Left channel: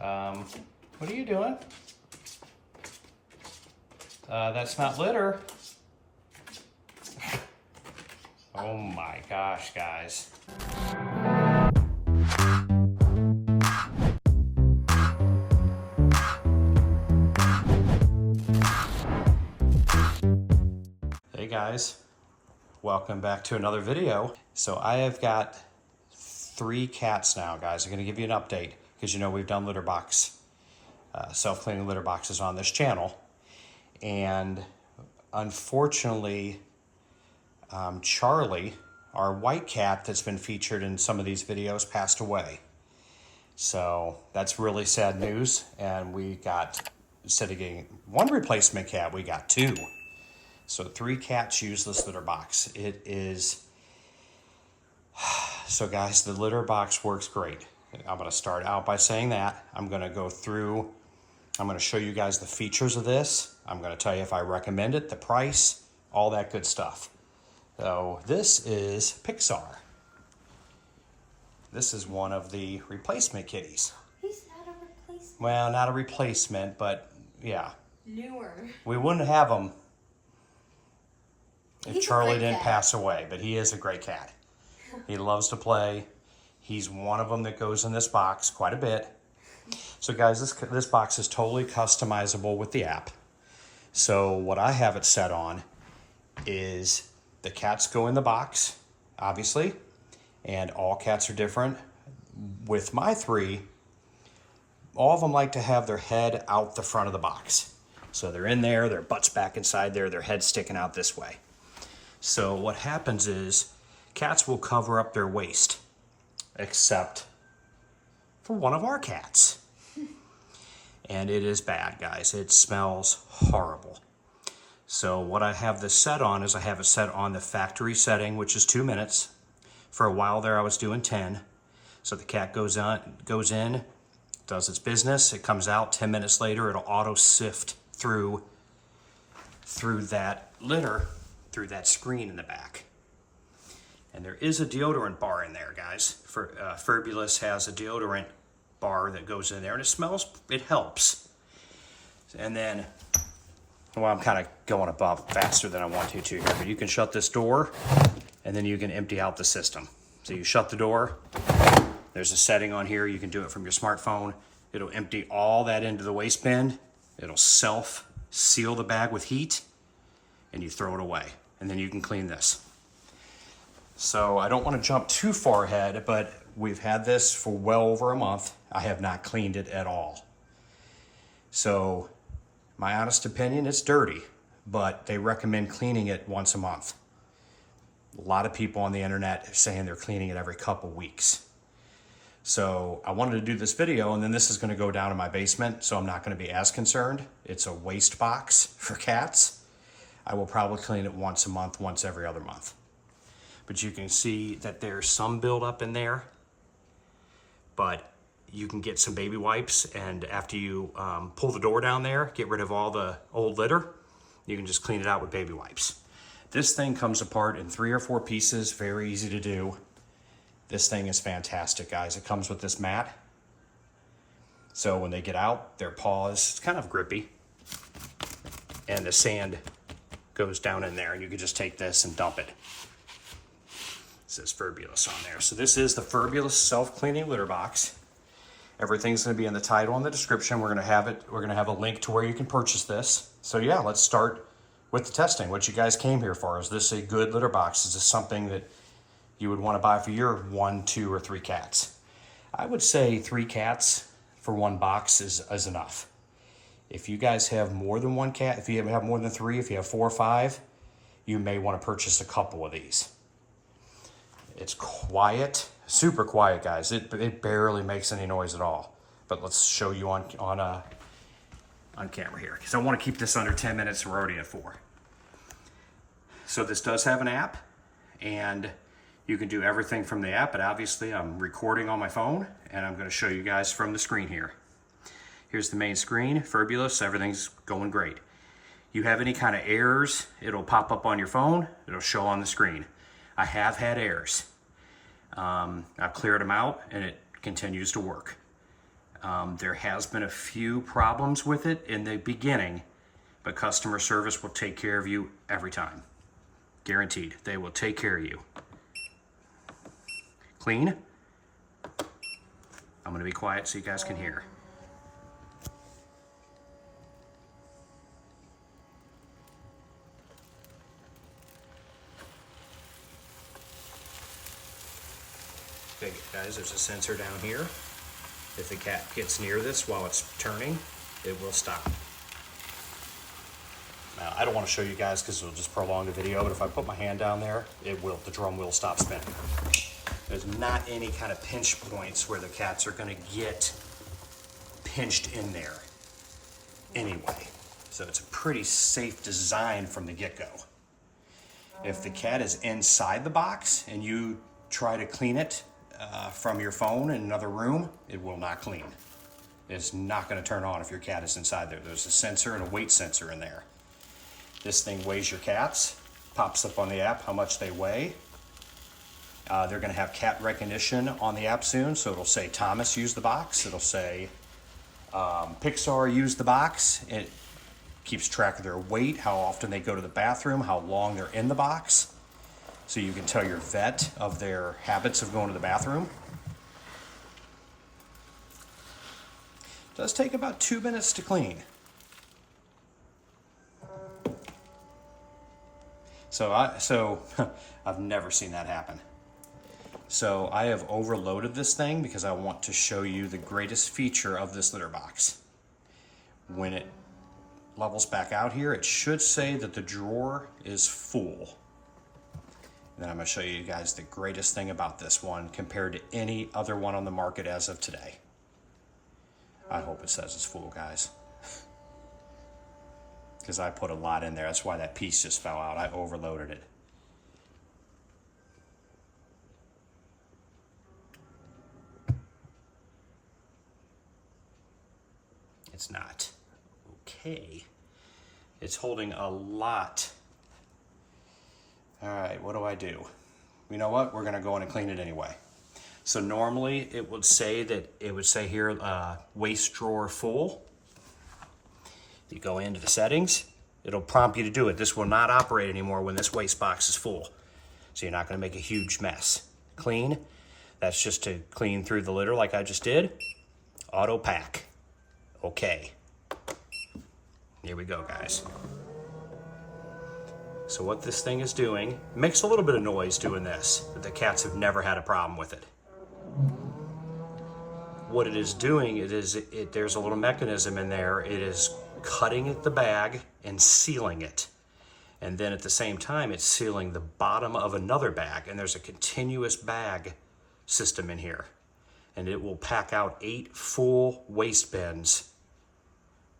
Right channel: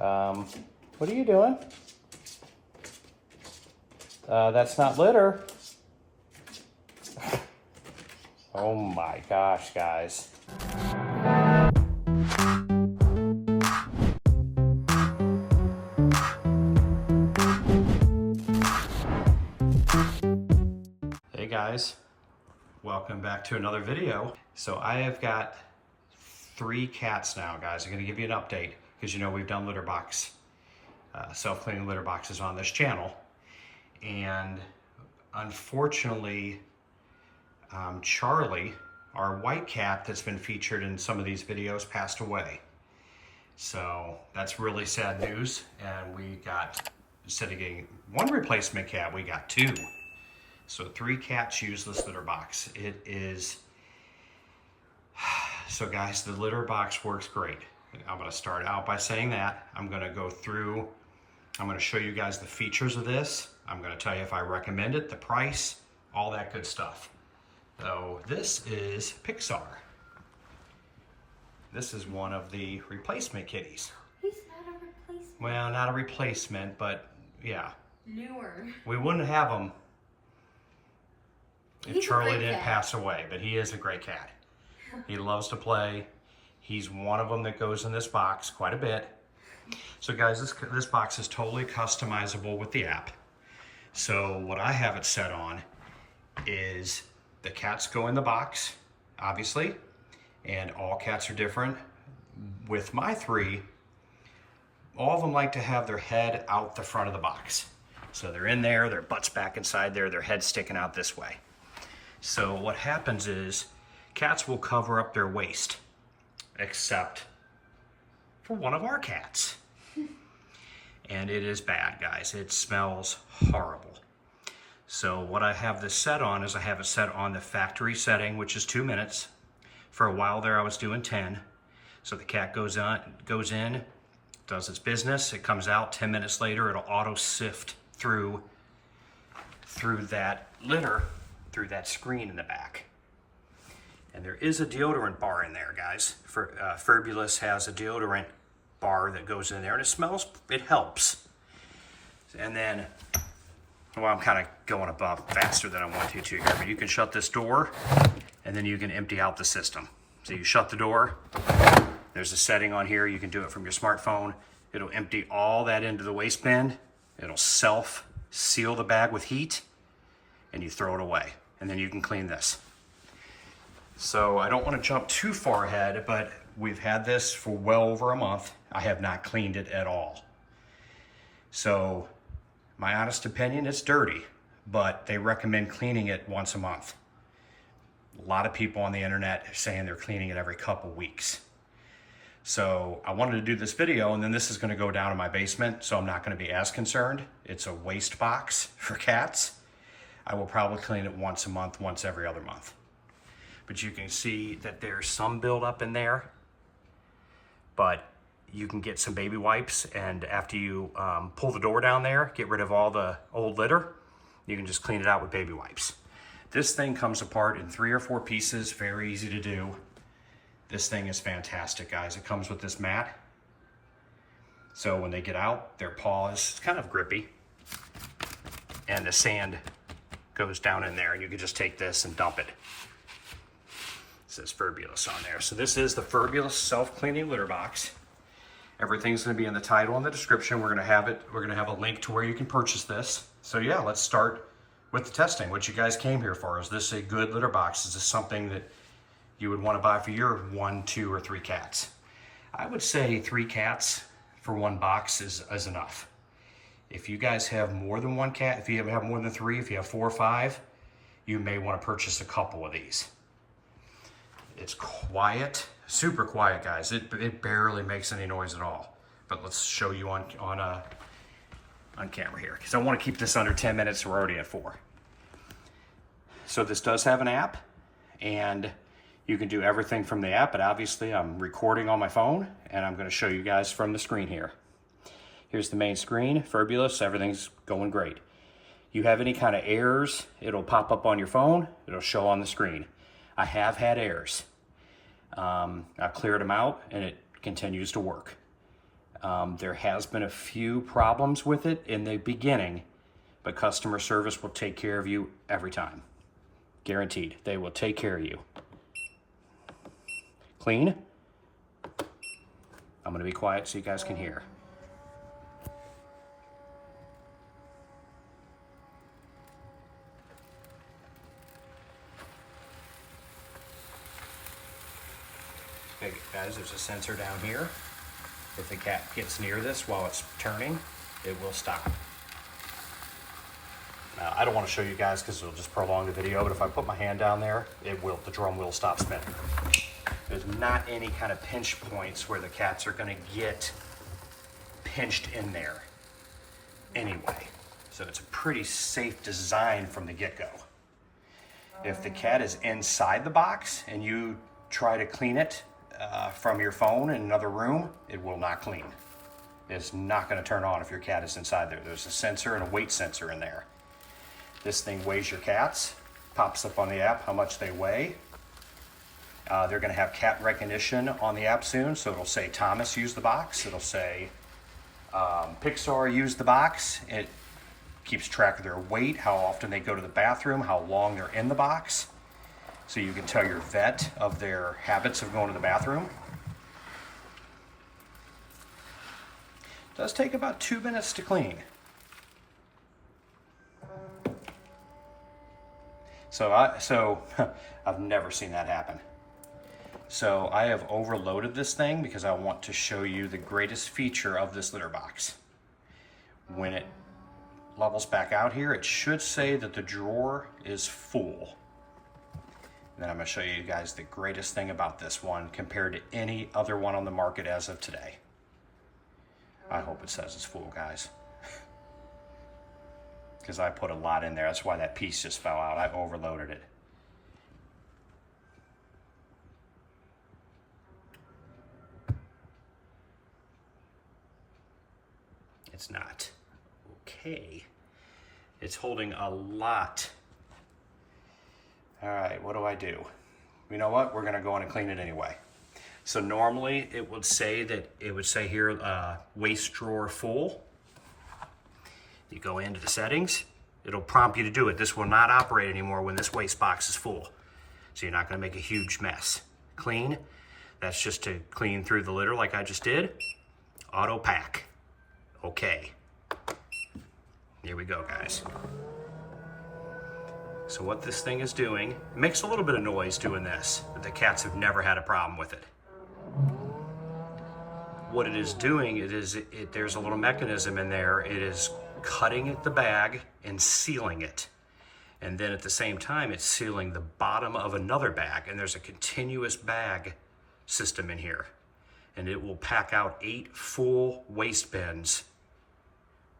What are you doing? That's not litter. Oh my gosh, guys. Hey guys, welcome back to another video. So I have got 3 cats now, guys. I'm gonna give you an update because you know we've done litter box, self-cleaning litter boxes on this channel. And unfortunately, Charlie, our white cat that's been featured in some of these videos, passed away. So that's really sad news. And we got, instead of getting 1 replacement cat, we got 2. So 3 cats use this litter box. It is, so guys, the litter box works great. I'm gonna start out by saying that. I'm gonna go through, I'm gonna show you guys the features of this. I'm gonna tell you if I recommend it, the price, all that good stuff. So this is Pixar. This is one of the replacement kitties. He's not a replacement. Well, not a replacement, but yeah. Newer. We wouldn't have him if Charlie didn't cat. pass away, but he is a great cat. He loves to play. He's one of them that goes in this box quite a bit. So guys, this box is totally customizable with the app. So what I have it set on is the cats go in the box, obviously, and all cats are different. With my 3, all of them like to have their head out the front of the box. So they're in there, their butt's back inside there, their head's sticking out this way. So what happens is cats will cover up their waist, except for one of our cats. And it is bad, guys. It smells horrible. So what I have this set on is I have it set on the factory setting, which is 2 minutes. For a while there, I was doing 10. So the cat goes in, does its business. It comes out 10 minutes later. It'll auto sift through that litter, through that screen in the back. And there is a deodorant bar in there, guys. Furbulous has a deodorant bar that goes in there, and it smells, it helps. And then, well, I'm kind of going above faster than I want to here, but you can shut this door, and then you can empty out the system. So you shut the door, there's a setting on here, you can do it from your smartphone. It'll empty all that into the waste bin. It'll self-seal the bag with heat, and you throw it away. And then you can clean this. So I don't want to jump too far ahead, but we've had this for well over a month. I have not cleaned it at all. So my honest opinion, it's dirty, but they recommend cleaning it once a month. A lot of people on the internet are saying they're cleaning it every couple weeks. So I wanted to do this video, and then this is going to go down in my basement, so I'm not going to be as concerned. It's a waste box for cats. I will probably clean it once a month, once every other month. But you can see that there's some buildup in there, but you can get some baby wipes, and after you pull the door down there, get rid of all the old litter, you can just clean it out with baby wipes. This thing comes apart in 3 or 4 pieces, very easy to do. This thing is fantastic, guys. It comes with this mat. So when they get out, their paws, it's kind of grippy, and the sand goes down in there, and you can just take this and dump it. It says Furbulous on there. So this is the Furbulous self-cleaning litter box. Everything's going to be in the title and the description. We're going to have a link to where you can purchase this. So yeah, let's start with the testing. What you guys came here for. Is this a good litter box? Is this something that you would want to buy for your 1, 2, or 3 cats? I would say 3 cats for 1 box is enough. If you guys have more than 1 cat, if you have more than 3, if you have 4 or 5, you may want to purchase a couple of these. It's quiet, super quiet, guys. It barely makes any noise at all. But let's show you on camera here, because I want to keep this under 10 minutes. We're already at 4. So this does have an app, and you can do everything from the app, but obviously I'm recording on my phone, and I'm going to show you guys from the screen here. Here's the main screen, Furbulous, everything's going great. You have any kind of errors, it'll pop up on your phone, it'll show on the screen. I have had errors. I've cleared them out, and it continues to work. There has been a few problems with it in the beginning, but customer service will take care of you every time. Guaranteed, they will take care of you. Clean. I'm gonna be quiet so you guys can hear. Okay, guys, there's a sensor down here. If the cat gets near this while it's turning, it will stop. Now, I don't want to show you guys because it'll just prolong the video, but if I put my hand down there, the drum will stop spinning. There's not any kind of pinch points where the cats are going to get pinched in there anyway. So it's a pretty safe design from the get-go. If the cat is inside the box and you try to clean it from your phone in another room, it will not clean. It's not going to turn on if your cat is inside there. There's a sensor and a weight sensor in there. This thing weighs your cats, pops up on the app how much they weigh. They're going to have cat recognition on the app soon, so it'll say Thomas used the box. It'll say Pixar used the box. It keeps track of their weight, how often they go to the bathroom, how long they're in the box. So you can tell your vet of their habits of going to the bathroom. It does take about 2 minutes to clean. So I've never seen that happen. So I have overloaded this thing because I want to show you the greatest feature of this litter box. When it levels back out here, it should say that the drawer is full. And then I'm going to show you guys the greatest thing about this one compared to any other one on the market as of today. I hope it says it's full, guys. Because I put a lot in there. That's why that piece just fell out. I overloaded it. It's not. Okay. It's holding a lot. All right, what do I do? You know what? We're gonna go in and clean it anyway. So normally it would say here, waste drawer full. You go into the settings, it'll prompt you to do it. This will not operate anymore when this waste box is full. So you're not gonna make a huge mess. Clean, that's just to clean through the litter like I just did. Auto pack. Okay. Here we go, guys. So what this thing is doing, it makes a little bit of noise doing this, but the cats have never had a problem with it. What it is doing, there's a little mechanism in there. It is cutting at the bag and sealing it. And then at the same time, it's sealing the bottom of another bag. And there's a continuous bag system in here. And it will pack out 8 full waste bins,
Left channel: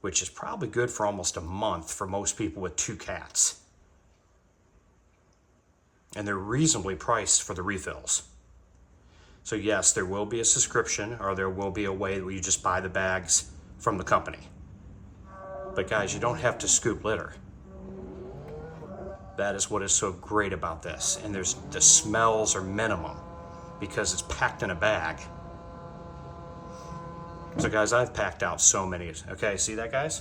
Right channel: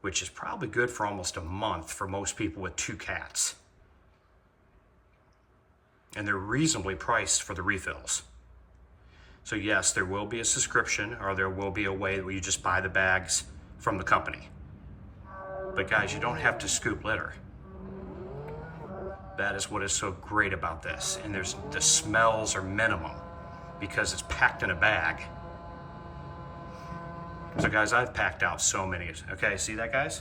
which is probably good for almost a month for most people with 2 cats. And they're reasonably priced for the refills. So yes, there will be a subscription, or there will be a way where you just buy the bags from the company. But guys, you don't have to scoop litter. That is what is so great about this. And the smells are minimum because it's packed in a bag. So guys, I've packed out so many. Okay, see that, guys?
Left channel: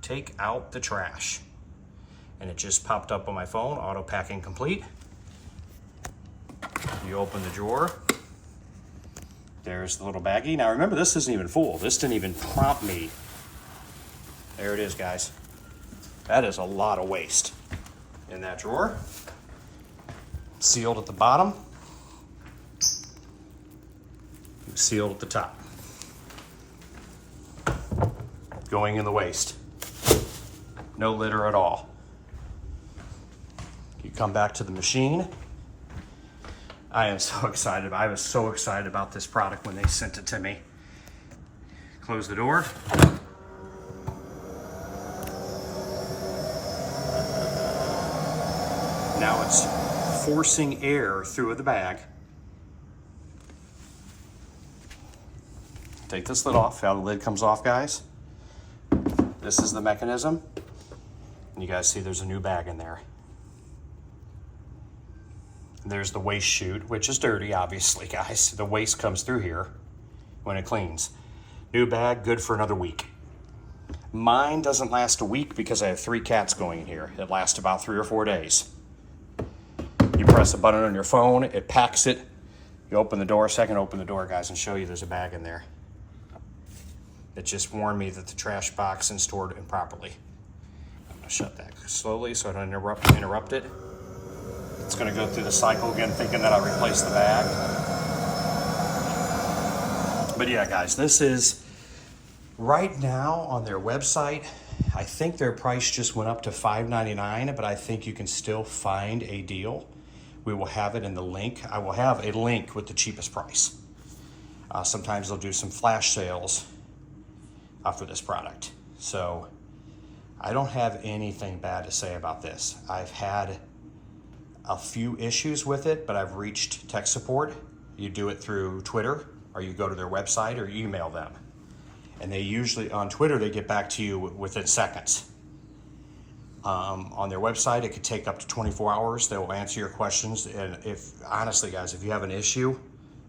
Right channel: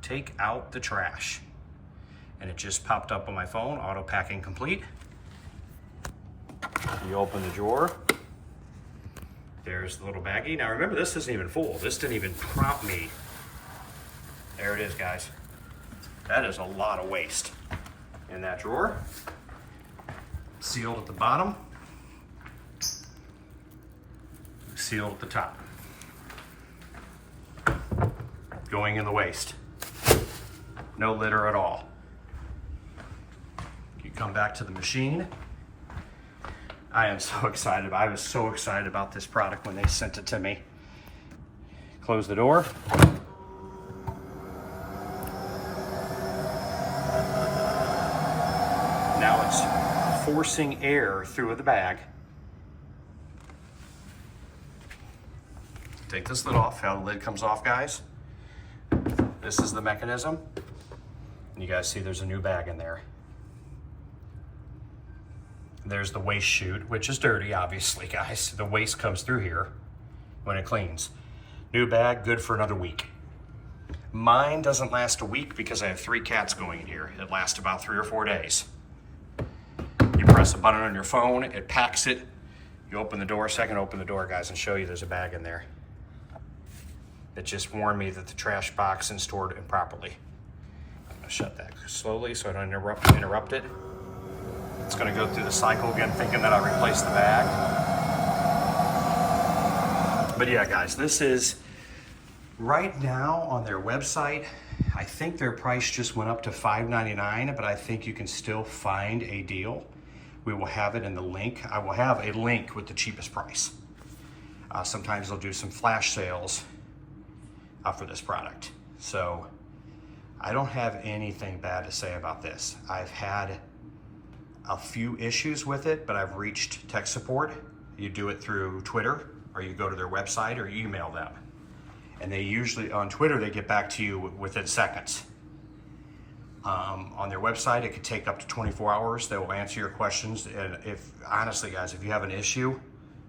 Take out the trash. And it just popped up on my phone, auto packing complete. You open the drawer. There's the little baggie. Now remember, this isn't even full. This didn't even prompt me. There it is, guys. That is a lot of waste in that drawer. Sealed at the bottom. Sealed at the top. Going in the waste. No litter at all. You come back to the machine. I am so excited. I was so excited about this product when they sent it to me. Close the door. Now it's forcing air through the bag. Take this lid off. How the lid comes off, guys. This is the mechanism. And you guys see there's a new bag in there. There's the waste chute, which is dirty, obviously, guys. The waste comes through here when it cleans. New bag, good for another week. Mine doesn't last a week because I have 3 cats going in here. It lasts about 3 or 4 days. You press a button on your phone, it packs it. You open the door, so I can open the door, guys, and show you there's a bag in there. It just warned me that the trash box isn't stored improperly. I'm gonna shut that slowly so I don't interrupt it. It's gonna go through the cycle again, thinking that I replaced the bag. But yeah, guys, this is right now on their website. I think their price just went up to $5.99, but I think you can still find a deal. We will have it in the link. I will have a link with the cheapest price. Sometimes they'll do some flash sales for this product. So I don't have anything bad to say about this. I've had a few issues with it, but I've reached tech support. You do it through Twitter, or you go to their website, or you email them. And they usually, on Twitter, they get back to you within seconds. On their website, it could take up to 24 hours. They will answer your questions. And if, honestly, guys, if you have an issue,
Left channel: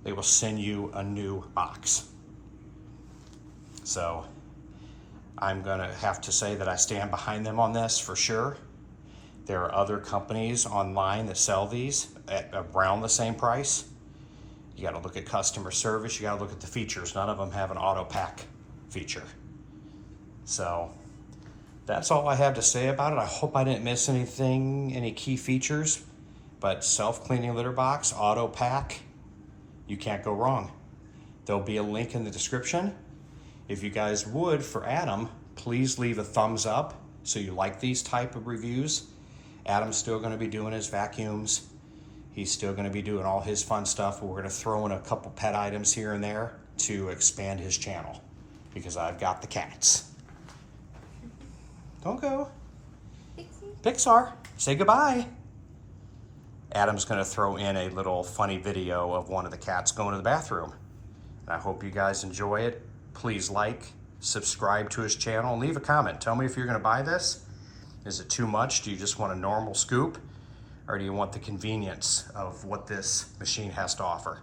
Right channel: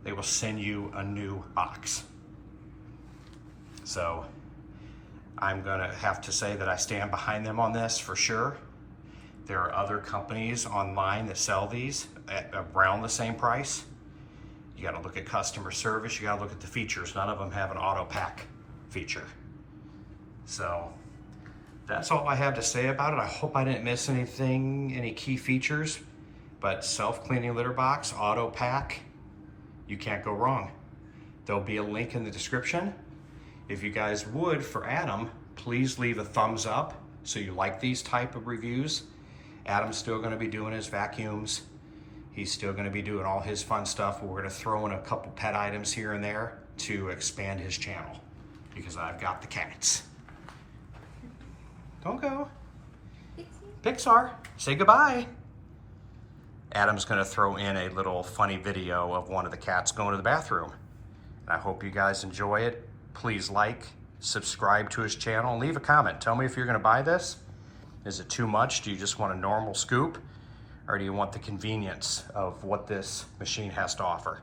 they will send you a new box. So I'm gonna have to say that I stand behind them on this for sure. There are other companies online that sell these at around the same price. You gotta look at customer service, you gotta look at the features. None of them have an auto pack feature. So that's all I have to say about it. I hope I didn't miss anything, any key features, but self-cleaning litter box, auto pack, you can't go wrong. There'll be a link in the description. If you guys would, for Adam, please leave a thumbs up so you like these type of reviews. Adam's still gonna be doing his vacuums. He's still gonna be doing all his fun stuff. We're gonna throw in a couple pet items here and there to expand his channel because I've got the cats. Don't go. Pixar, say goodbye. Adam's gonna throw in a little funny video of one of the cats going to the bathroom. And I hope you guys enjoy it. Please like, subscribe to his channel, and leave a comment. Tell me if you're gonna buy this. Is it too much? Do you just want a normal scoop? Or do you want the convenience of what this machine has to offer?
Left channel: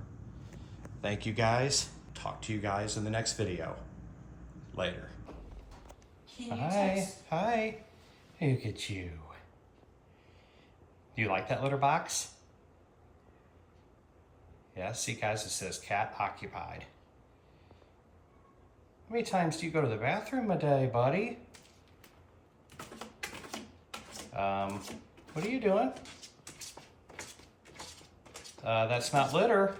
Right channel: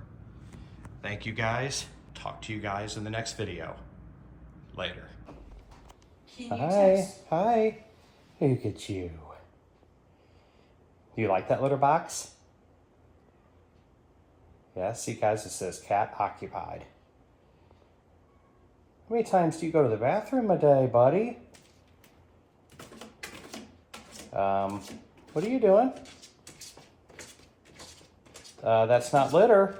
Thank you guys. Talk to you guys in the next video. Later. Hi. Look at you. Do you like that litter box? Yeah, see guys, it says cat occupied. How many times do you go to the bathroom a day, buddy? What are you doing? That's not litter.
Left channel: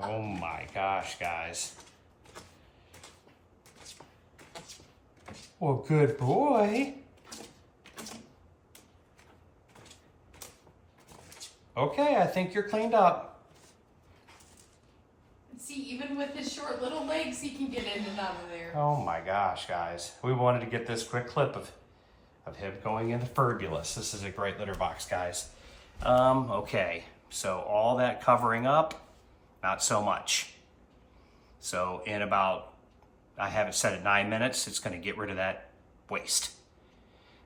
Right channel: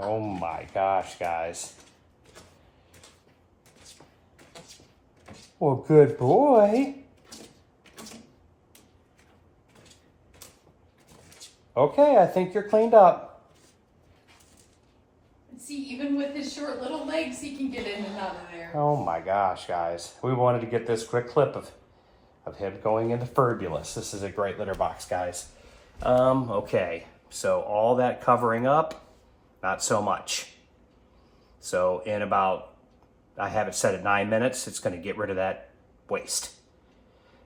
Oh my gosh, guys. Well, good boy. Okay, I think you're cleaned up. See, even with his short little legs, he can get in and out of there. Oh my gosh, guys. We wanted to get this quick clip of him going into Furbulous. This is a great litter box, guys. Okay, so all that covering up, not so much. So in about, I have it set at 9 minutes, it's gonna get rid of that waste.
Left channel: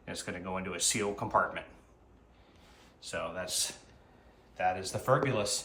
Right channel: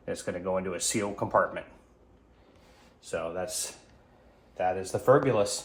And it's gonna go into a sealed compartment. So that is the Furbulous.